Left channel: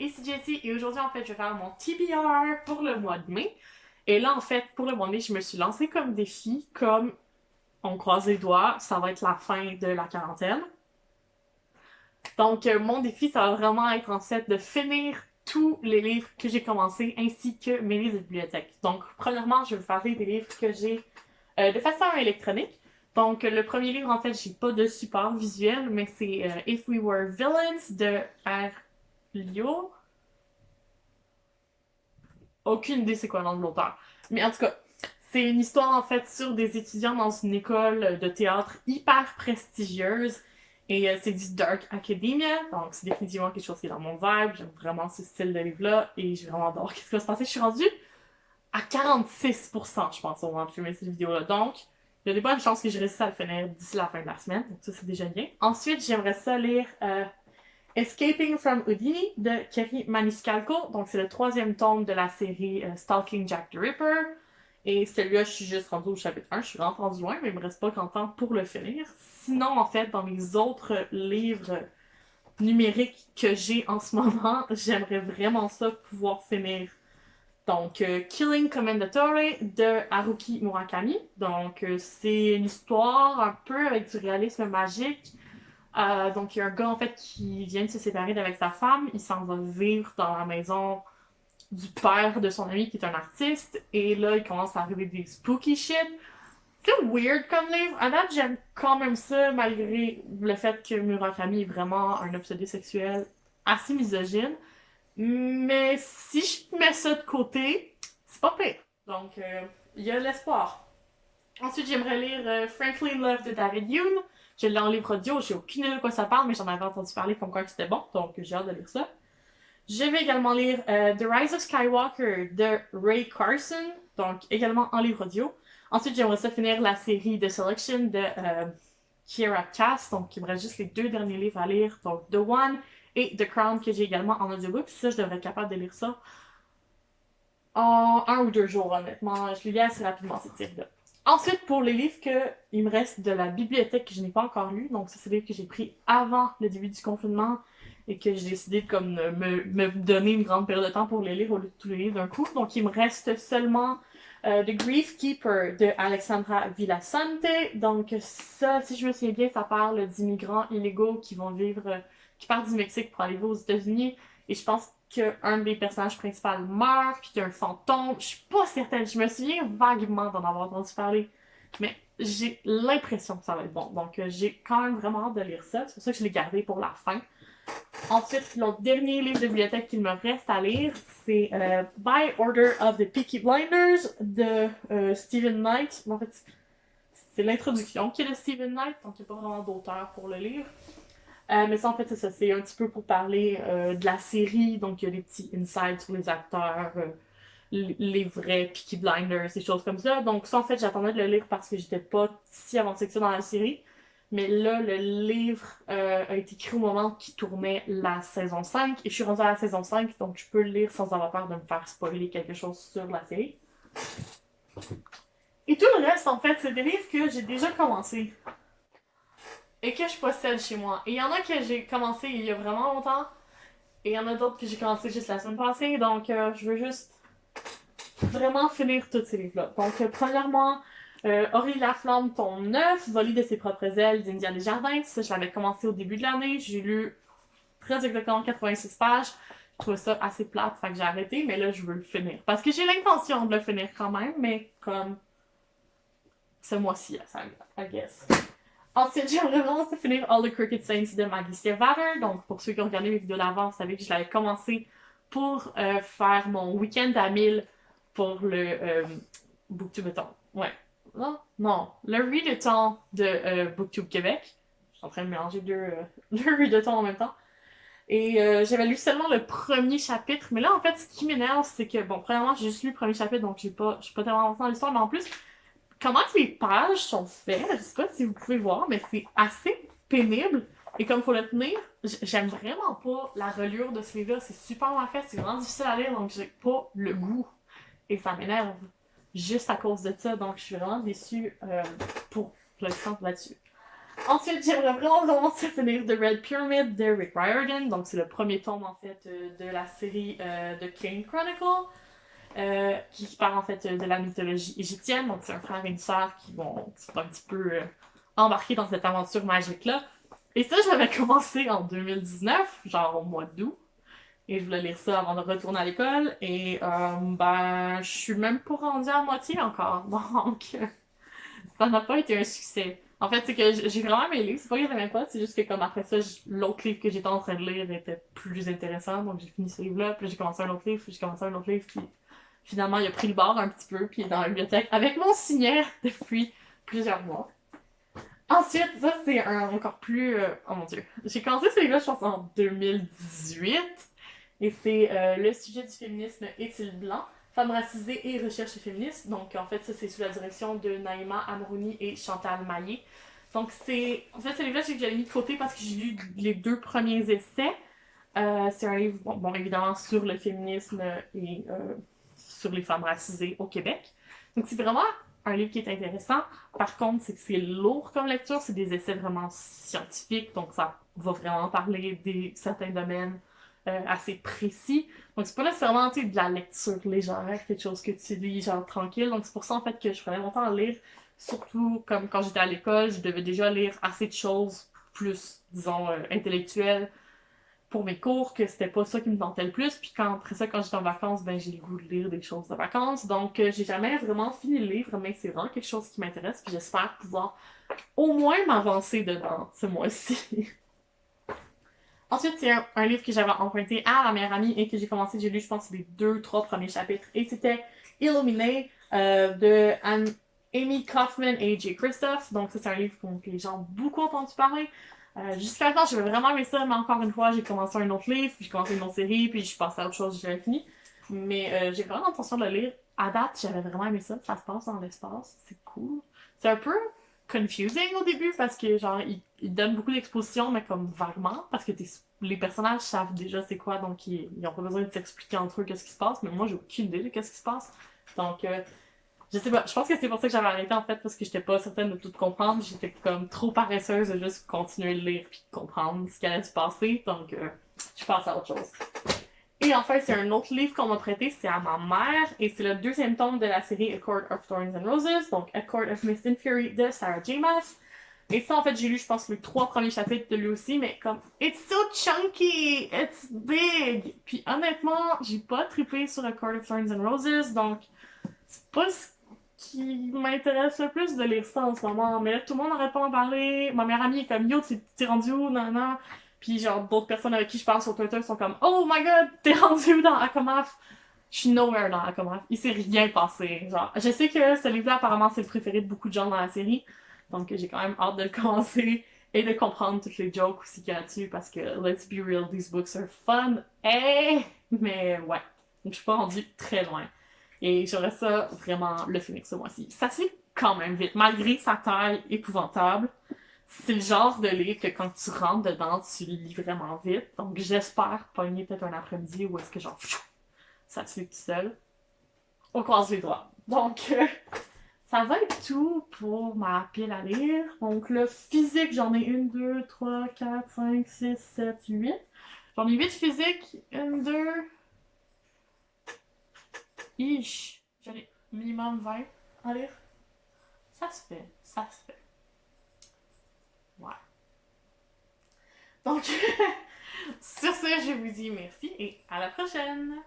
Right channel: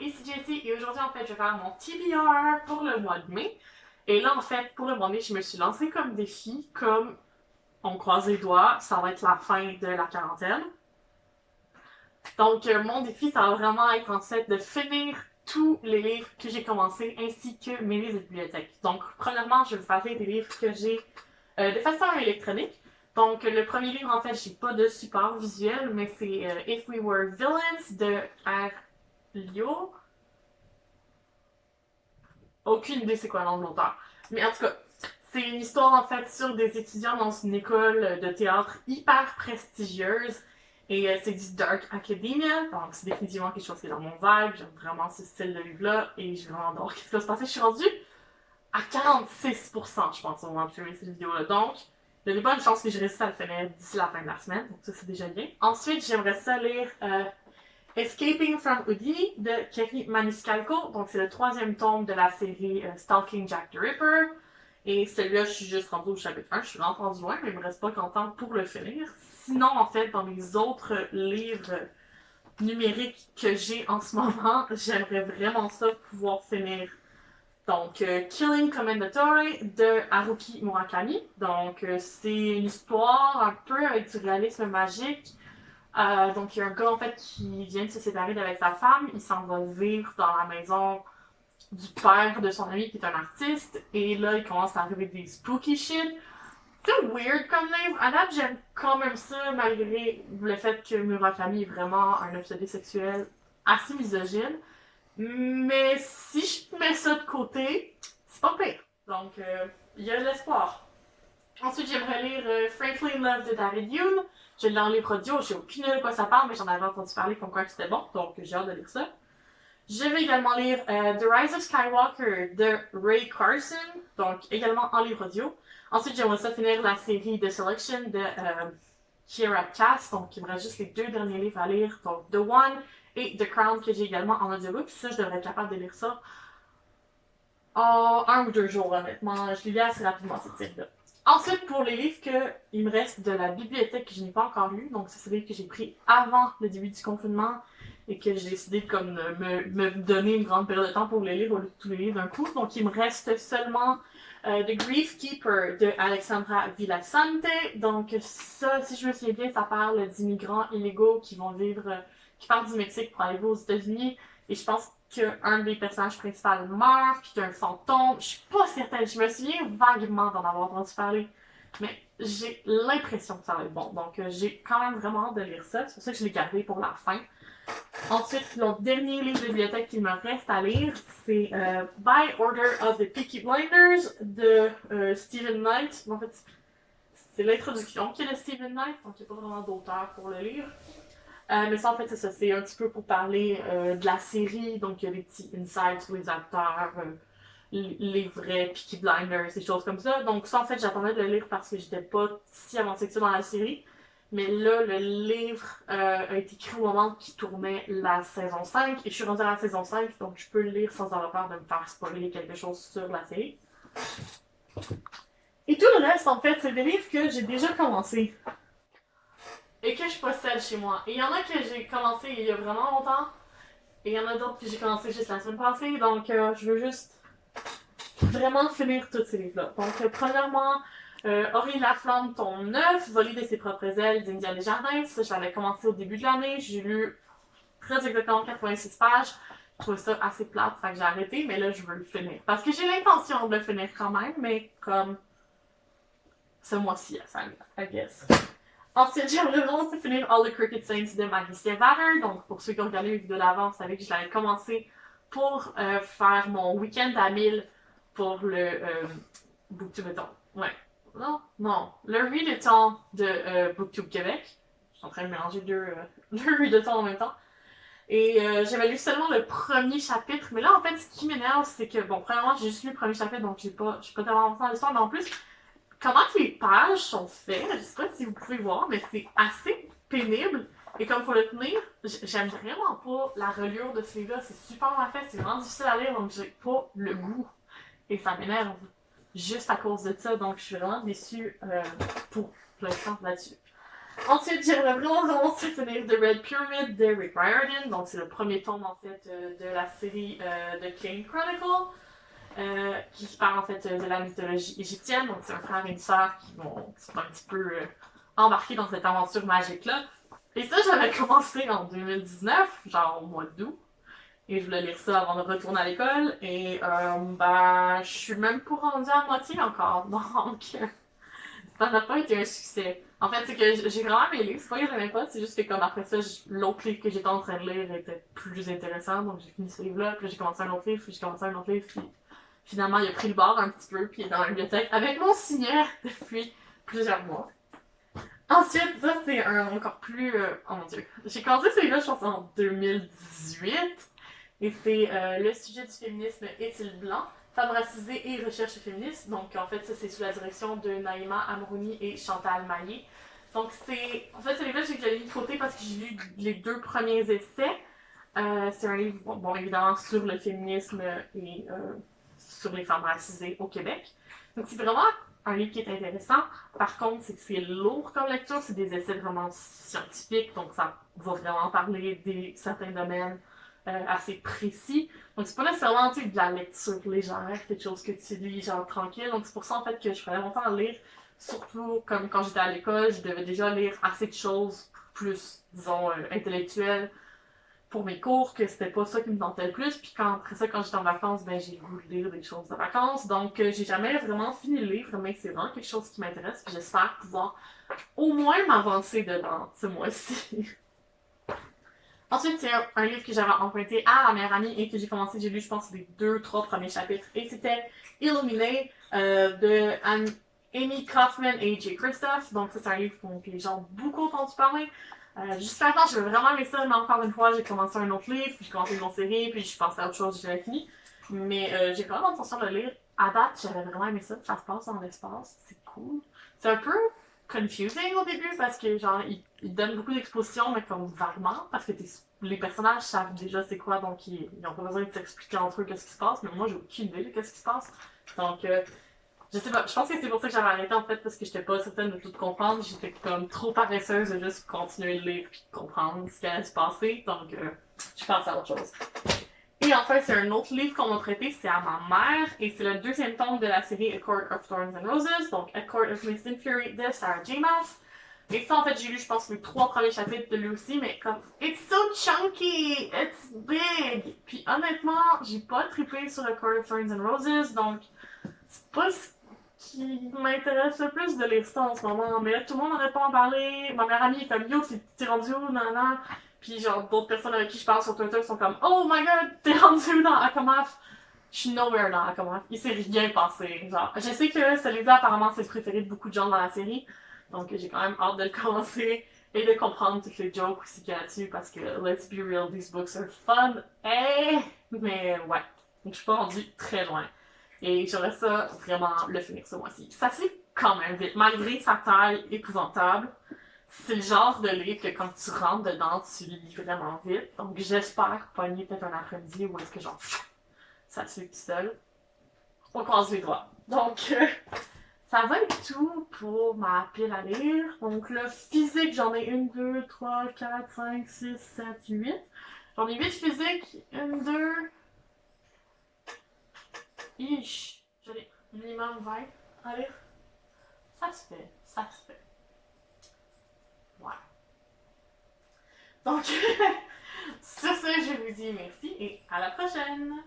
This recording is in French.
ici Jessie et aujourd'hui en fait je vais faire mon TBR pour le mois de mai. Et là en fait pour le mois de mai je me suis lancée comme défi, comme on croise les doigts, ça va être la fin de la quarantaine. Donc mon défi ça va vraiment être en fait de finir tous les livres que j'ai commencé ainsi que mes livres de bibliothèque. Donc premièrement je vais faire des livres que j'ai de façon électronique. Donc, le premier livre, en fait, j'ai pas de support visuel, mais c'est If We Were Villains de R. Lio. Aucune idée c'est quoi le nom de l'auteur. Mais en tout cas, c'est une histoire en fait sur des étudiants dans une école de théâtre hyper prestigieuse. Et c'est du Dark Academia, donc c'est définitivement quelque chose qui est dans mon vibe. J'aime vraiment ce style de livre-là et j'ai vraiment adoré ce qui va se passer. Je suis rendue à 46%, je pense, au moment de filmer cette vidéo-là. Donc, il y a des bonnes chances que je réussisse à le finir d'ici la fin de la semaine. Donc ça, c'est déjà bien. Ensuite, j'aimerais ça lire Escaping from Houdini de Kerry Maniscalco. Donc, c'est le troisième tome de la série Stalking Jack the Ripper. Et celui-là, je suis juste rendue au chapitre 1. Je suis vraiment rendue loin, mais il me reste pas qu'en temps pour le finir. Sinon, en fait, dans les autres livres numériques que j'ai en ce moment, j'aimerais vraiment ça pouvoir finir. Donc, Killing Commendatore de Haruki Murakami. Donc, c'est une histoire un peu avec du réalisme magique. Donc, il y a un gars, en fait, qui vient de se séparer d'avec sa femme. Il s'en va vivre dans la maison du père de son ami qui est un artiste. Et là, il commence à arriver des spooky shit. C'est weird comme livre. À date, j'aime quand même ça, malgré le fait que Murakami est vraiment un obsédé sexuel assez misogyne. Mais si je mets ça de côté, c'est pas pire. Donc, il y a de l'espoir. Ensuite, j'aimerais lire Frankly Love de David Hume. Je l'ai en livre audio, j'ai aucune idée de quoi ça parle, mais j'en avais entendu parler comme quoi c'était bon, donc j'ai hâte de lire ça. Je vais également lire The Rise of Skywalker de Ray Carson, donc également en livre audio. Ensuite, j'aimerais ça finir la série The Selection de Kiera Cass, donc il me reste juste les deux derniers livres à lire, donc The One et The Crown que j'ai également en audiobook. Puis ça, je devrais être capable de lire ça en 1 ou 2 jours, honnêtement. Je lis assez rapidement cette série-là. Ensuite, pour les livres il me reste de la bibliothèque que je n'ai pas encore lu, donc c'est des livres que j'ai pris avant le début du confinement et que j'ai décidé de comme me donner une grande période de temps pour les lire au lieu de tous les livres d'un coup. Donc il me reste seulement The Grief Keeper de Alexandra Villasante. Donc ça, si je me souviens bien, ça parle d'immigrants illégaux qui vont vivre, qui partent du Mexique pour aller aux États-Unis. Et je pense qu'un des personnages principaux meurt, puis qu'il y a un fantôme. Je suis pas certaine, je me souviens vaguement d'en avoir entendu parler. Mais j'ai l'impression que ça va être bon. Donc j'ai quand même vraiment hâte de lire ça. C'est pour ça que je l'ai gardé pour la fin. Ensuite, le dernier livre de bibliothèque qu'il me reste à lire, c'est By Order of the Peaky Blinders de Stephen Knight. En fait, c'est l'introduction qui est de Stephen Knight, donc il n'y a pas vraiment d'auteur pour le lire. Mais ça, en fait, c'est ça. C'est un petit peu pour parler de la série. Donc, il y a des petits insights sur les acteurs, les vrais Peaky Blinders, des choses comme ça. Donc, ça, en fait, j'attendais de le lire parce que j'étais pas si avancée que ça dans la série. Mais là, le livre a été écrit au moment qui tournait la saison 5. Et je suis rendue à la saison 5, donc je peux le lire sans avoir peur de me faire spoiler quelque chose sur la série. Et tout le reste, en fait, c'est des livres que j'ai déjà commencé et que je possède chez moi. Et il y en a que j'ai commencé il y a vraiment longtemps, et il y en a d'autres que j'ai commencé juste la semaine passée, donc je veux juste vraiment finir tous ces livres-là. Donc, premièrement, Aurélie Laflamme, tome 9, Voler de ses propres ailes d'India Desjardins. Ça, je l'avais commencé au début de l'année. J'ai lu très exactement 86 pages. Je trouvais ça assez plate, fait que j'ai arrêté, mais là, je veux le finir. Parce que j'ai l'intention de le finir quand même, mais comme ce mois-ci, I guess. Ensuite, j'aimerais vraiment finir All the Crooked Saints de Magister Vader. Donc, pour ceux qui ont regardé mes vidéos d'avant, vous savez que je l'avais commencé pour faire mon week-end à 1000 pour le Booktube. Ouais. Non. Le Readathon de Booktube Québec. Je suis en train de mélanger deux Readathons en même temps. Et j'avais lu seulement le premier chapitre. Mais là, en fait, ce qui m'énerve, c'est que, bon, premièrement, j'ai juste lu le premier chapitre, donc je suis pas tellement avancée dans l'histoire. Mais en plus, comment les pages sont faites, je sais pas si vous pouvez voir, mais c'est assez pénible. Et comme faut le tenir, j'aime vraiment pas la reliure de ce livre-là. C'est super mal fait, c'est vraiment difficile à lire, donc j'ai pas le goût. Et ça m'énerve juste à cause de ça, donc je suis vraiment déçue pour l'instant là-dessus. Ensuite, j'aimerais vraiment commencer à finir The Red Pyramid de Rick Riordan. Donc, c'est le premier tome, en fait, de la série de Kane Chronicle, qui parle, en fait, de la mythologie égyptienne. Donc, c'est un frère et une sœur qui vont sont un petit peu embarqués dans cette aventure magique-là. Et ça, je l'avais commencé en 2019, genre au mois d'août. Et je voulais lire ça avant de retourner à l'école. Et ben, je suis même pas rendue à moitié encore. Donc, ça n'a pas été un succès. En fait, c'est que j'ai vraiment aimé lire. C'est pas que j'aimais pas, c'est juste que comme après ça, l'autre livre que j'étais en train de lire était plus intéressant. Donc, j'ai fini ce livre-là. Puis là, j'ai commencé un autre livre. Puis j'ai commencé un autre livre. Puis finalement, il a pris le bord un petit peu. Puis il est dans la bibliothèque avec mon signet depuis plusieurs mois. Ensuite, ça, c'est un encore plus. Oh mon dieu. J'ai commencé ce livre-là, je pense, en 2018. Et c'est le sujet du féminisme est-il blanc? Femmes racisées et recherche féministe. Donc, en fait, ça, c'est sous la direction de Naïma Amrouni et Chantal Maillet. Donc, c'est. En fait, ce livre-là, que j'avais mis de côté parce que j'ai lu les deux premiers essais. C'est un livre, bon, évidemment, sur le féminisme et sur les femmes racisées au Québec. Donc, c'est vraiment un livre qui est intéressant. Par contre, c'est que c'est lourd comme lecture. C'est des essais vraiment scientifiques. Donc, ça va vraiment parler de certains domaines assez précis. Donc, c'est pas nécessairement de la lecture légère, quelque chose que tu lis genre tranquille. Donc, c'est pour ça en fait que je prenais longtemps à lire. Surtout comme quand j'étais à l'école, je devais déjà lire assez de choses plus, disons, intellectuelles pour mes cours, que c'était pas ça qui me tentait le plus. Puis après ça, quand j'étais en vacances, ben j'ai le goût de lire des choses de vacances. Donc, j'ai jamais vraiment fini le livre, mais c'est vraiment quelque chose qui m'intéresse. Puis j'espère pouvoir au moins m'avancer dedans ce mois-ci. Ensuite, c'est un livre que j'avais emprunté à ma meilleure amie et que j'ai lu, je pense, les 2-3 premiers chapitres. Et c'était Illuminé de Amy Kaufman et Jay Christoph. Donc, ça, c'est un livre dont les gens ont beaucoup entendu parler. Jusqu'à maintenant, j'avais vraiment aimé ça, mais encore une fois, j'ai commencé un autre livre, puis j'ai commencé une autre série, puis je suis passée à autre chose, j'avais fini. Mais j'ai vraiment l'intention de le lire. À date, j'avais vraiment aimé ça. Ça se passe dans l'espace, c'est cool. C'est un peu confusing au début parce que genre ils donnent beaucoup d'expositions mais comme vaguement parce que les personnages savent déjà c'est quoi donc ils ont pas besoin de s'expliquer entre eux qu'est-ce qui se passe mais moi j'ai aucune idée de qu'est-ce qui se passe donc je sais pas je pense que c'est pour ça que j'avais arrêté en fait parce que j'étais pas certaine de tout comprendre j'étais comme trop paresseuse de juste continuer de lire puis de comprendre ce qui allait se passer donc je passe à autre chose. Et enfin, c'est un autre livre qu'on m'a prêté, c'est à ma mère, et c'est le deuxième tome de la série A Court of Thorns and Roses, donc A Court of Mist and Fury de Sarah J. Maas. Et ça, en fait, j'ai lu, je pense, les 3 premiers chapitres de lui aussi, mais comme, it's so chunky, it's big. Puis honnêtement, j'ai pas trippé sur A Court of Thorns and Roses, donc c'est pas ce qui m'intéresse le plus de lire ça en ce moment. Mais là, tout le monde n'arrête pas d'en parler. Ma meilleure amie est comme, yo, t'es rendu où, nan. Puis genre, d'autres personnes avec qui je parle sur Twitter sont comme, oh my god, t'es rendu où dans Akamaf? Je suis nowhere dans Akamaf. Il s'est rien passé. Genre, je sais que ce livre-là, apparemment, c'est le préféré de beaucoup de gens dans la série. Donc, j'ai quand même hâte de le commencer et de comprendre toutes les jokes aussi qu'il y a là-dessus parce que, let's be real, these books are fun. Eh! Mais ouais. Donc, je suis pas rendue très loin. Et j'aurais ça vraiment le finir ce mois-ci. Ça se lit quand même vite, malgré sa taille épouvantable. C'est le genre de livre que quand tu rentres dedans, tu le lis vraiment vite. Donc j'espère pogner peut-être un après-midi où est-ce que genre ça se lit tout seul. On croise les doigts. Donc ça va être tout pour ma pile à lire. Donc le physique, j'en ai 1, 2, 3, 4, 5, 6, 7, 8. J'en ai 8 physiques. 1, 2. Ish. J'en ai minimum 20 à lire. Ça se fait. Ça se fait. Ouais. Donc, sur ce, je vous dis merci et à la prochaine!